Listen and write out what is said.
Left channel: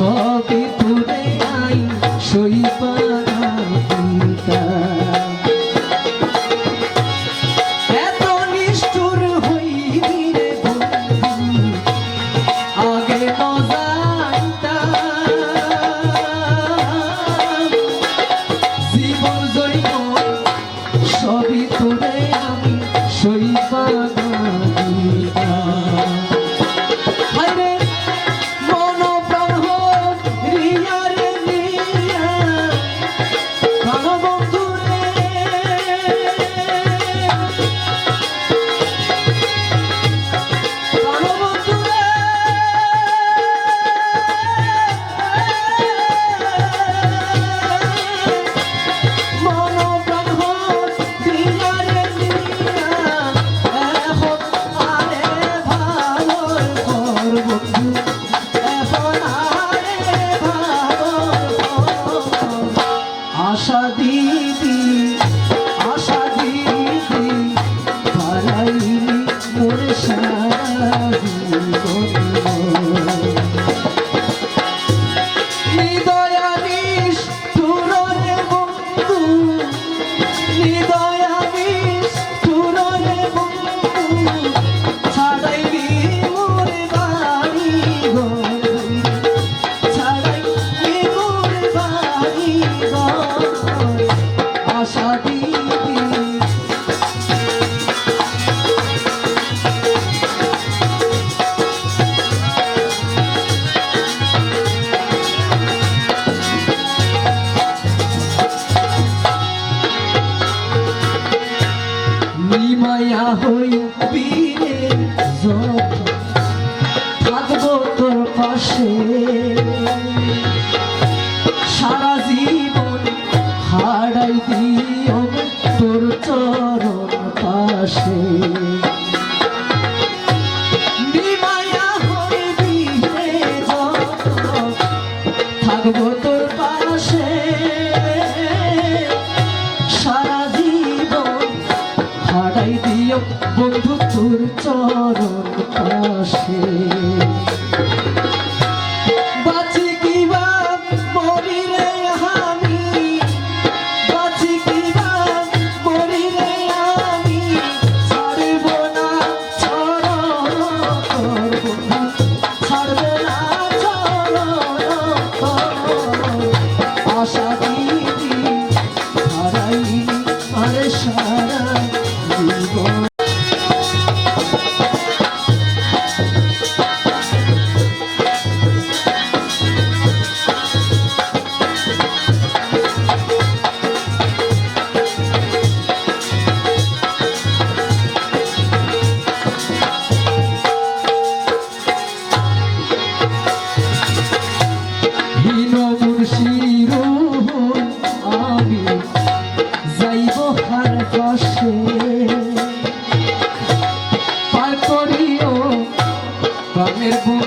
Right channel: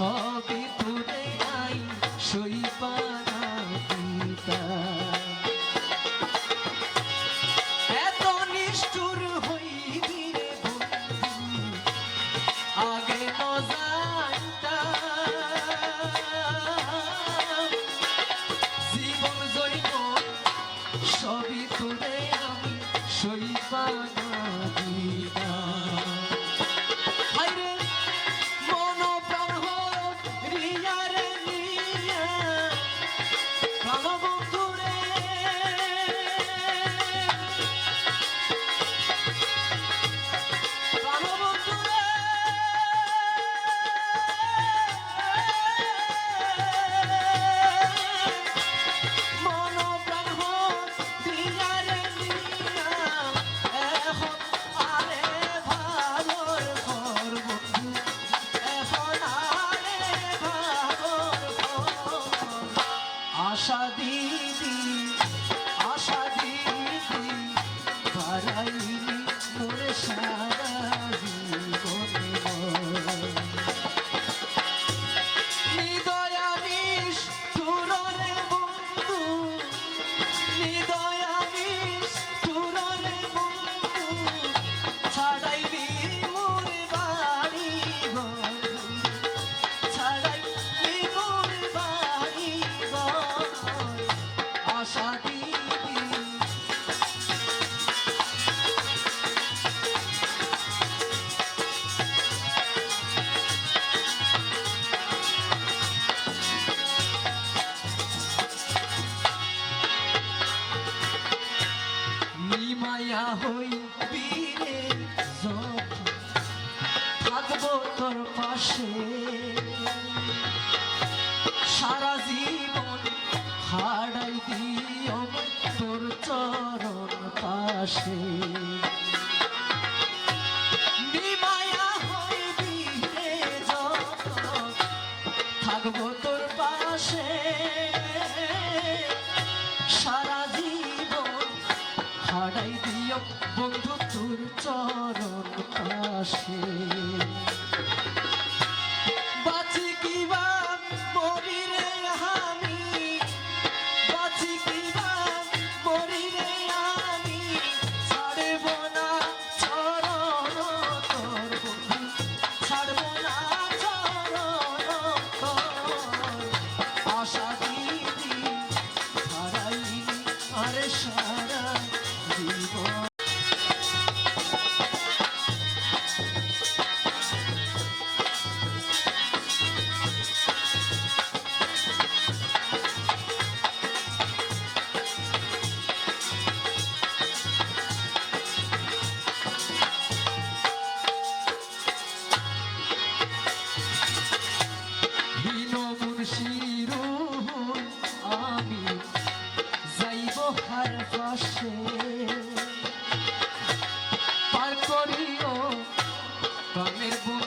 সবে স্বপ্নের ভুল